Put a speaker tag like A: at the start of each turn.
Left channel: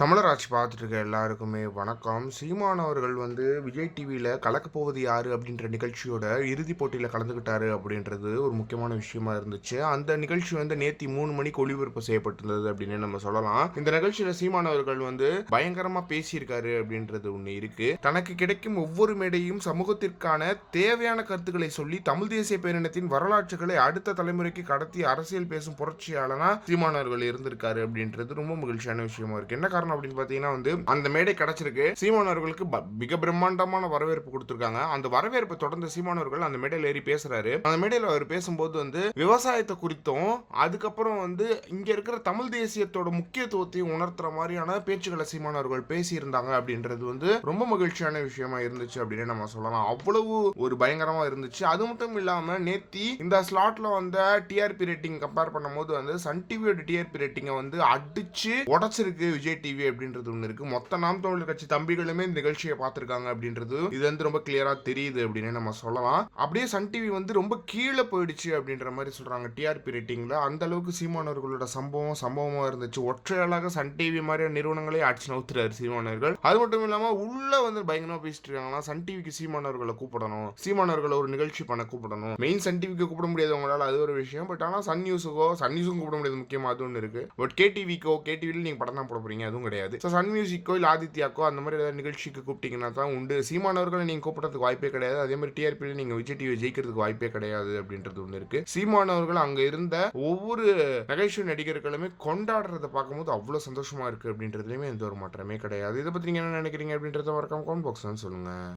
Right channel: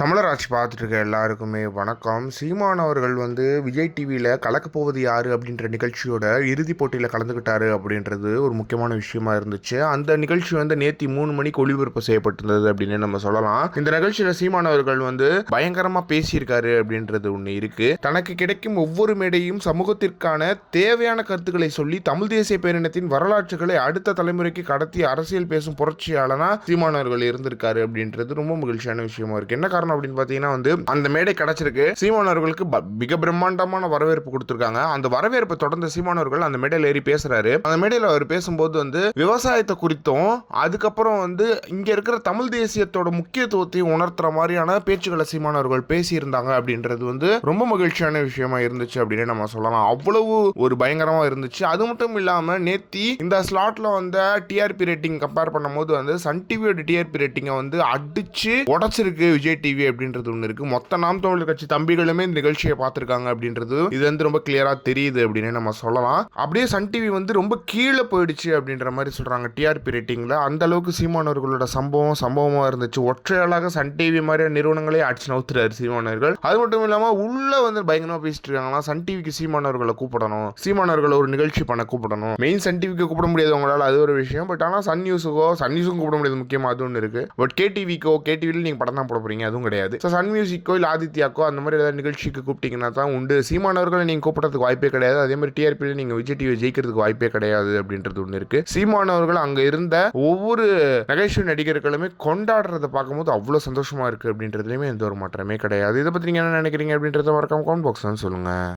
A: தமிழராட்சி பார்த்துட்டு இருக்க எல்லாருக்குமே வணக்கம். சீமான் அவர்கள் வந்து விஜய் டிவியில் கலக்கப்போவது யார் அப்படின்ற நிகழ்ச்சியோட இறுதிப் போட்டியில் கலந்துக்கிட்டாரு அப்படின்றது ஒரு முக்கியமான விஷயமா இருந்துச்சு. அந்த நிகழ்ச்சி வந்து நேத்தி மூணு மணிக்கு ஒளிபரப்பு செய்யப்பட்டிருந்தது அப்படின்னு நம்ம சொல்லலாம். இந்த நிகழ்ச்சியில் சீமான் அவர்கள் வந்து பயங்கரமாக பேசியிருக்காரு அப்படின்றது ஒன்று இருக்கு. தனக்கு கிடைக்கும் ஒவ்வொரு மேடையும் சமூகத்திற்கான தேவையான கருத்துக்களை சொல்லி தமிழ் தேசிய பேரினத்தின் வரலாற்றுகளை அடுத்த தலைமுறைக்கு கடத்தி அரசியல் பேசும் புரட்சியாளனா சீமானவர்கள் இருந்திருக்காரு அப்படின்றது ரொம்ப மகிழ்ச்சியான விஷயமா இருக்கு. என்ன காரணம் அப்படின்னு பார்த்தீங்கன்னா வந்து அந்த மேடை கிடைச்சிருக்கு. சீமான் அவர்களுக்கு மிக பிரம்மாண்டமான வரவேற்பு கொடுத்துருக்காங்க. அந்த வரவேற்பை தொடர்ந்து சீமான் அவர்கள் அந்த மேடையில் ஏறி பேசுறாரு. அந்த மேடையில் அவர் பேசும்போது வந்து விவசாயத்தை குறித்தும் அதுக்கப்புறம் வந்து இங்க இருக்கிற தமிழ் தேசியத்தோட முக்கியத்துவத்தையும் உணர்த்துற மாதிரியான பேச்சுக்களை சீமான் அவர்கள் பேசியிருந்தாங்க அப்படின்றது வந்து ரொம்ப மகிழ்ச்சியான விஷயமா இருந்துச்சு அப்படின்னு நம்ம சொல்லலாம். அவ்வளவு ஒரு பயங்கரமா இருந்துச்சு. அது மட்டும் இல்லாம நேத்தி இந்த ஸ்லாட்ல வந்த டிஆர்பி ரேட்டிங் கம்பேர் பண்ணும்போது வந்து சன் டிவியோட டிஆர்பி ரேட்டிங்கை வந்து அடிச்சு உடைச்சிருக்கு விஜய் டிவி அப்படின்றது ஒன்று இருக்கு. மொத்த நாம் தமிழர் கட்சி தம்பிகளுமே இந்த நிகழ்ச்சியை பார்த்துருக்காங்க அப்படின்றது இது வந்து ரொம்ப கிளியரா தெரியுது அப்படின்னு நம்ம சொல்லலாம். அப்படியே சன் டிவி வந்து ரொம்ப கீழே போயிடுச்சு அப்படின்ற மாதிரி சொல்றாங்க டிஆர்பி ரேட்டிங்ல அந்த அளவுக்கு சீமானவர்களோட சம்பவம் சம்பவமா இருந்துச்சு. ஒற்றையாளாக சன் டிவி மாதிரியான நிறுவனங்களே அடிச்சு நவுத்துறாரு சீமானவர்கள் அது மட்டும் இல்லாம உள்ள வந்து பயங்கரமா பேசிட்டு இருக்காங்கன்னா சன் டிவிக்கு சீமானவர்களை கூப்பிடணும். சீமானவர்களை ஒரு நிகழ்ச்சி பண்ண கூப்பிடணும். மெயின் சன் டிவிக்கு கூப்பிட முடியாது உங்களால் அது ஒரு விஷயம். பட் ஆனால் சன் நியூஸுக்கோ சன் நியூஸுக்கும் கூப்பிட முடியாது முக்கியமாக அது ஒன்று இருக்கு. பட் கேடிவிக்கோ கேடிவியில் நீங்கள் படம் தான் போட போறீங்க அதுவும் கிடையாது. ஸோ சன் மியூசிக்கோ இல்லை ஆதித்யாக்கோ அந்த மாதிரி ஏதாவது நிகழ்ச்சிக்கு கூப்பிட்டீங்கன்னா தான் உண்டு. சீமானவர்களை நீங்கள் கூப்பிட்றதுக்கு வாய்ப்பே கிடையாது. அதே மாதிரி டிஆர்பியில் நீங்கள் விஜய் டிவி ஜெயிக்கிறதுக்கு வாய்ப்பே கிடையாது அப்படின்றது ஒன்று இருக்கு. சீமானவர்கள் அங்கே இருந்த ஒவ்வொரு நகைச்சுவை நடிகர்களுமே கொண்டாடுறதை பார்க்கும்போது அவ்வளோ சந்தோஷமாக இருக்குது அப்படின்றதுலையுமே எந்த ஒரு மாற்றமே கிடையாது. இதை பற்றி நீங்கள் என்ன நினைக்கிறீங்க அப்படின்றத மறக்காம கமெண்ட் பாக்ஸ் சொல்லுங்கள்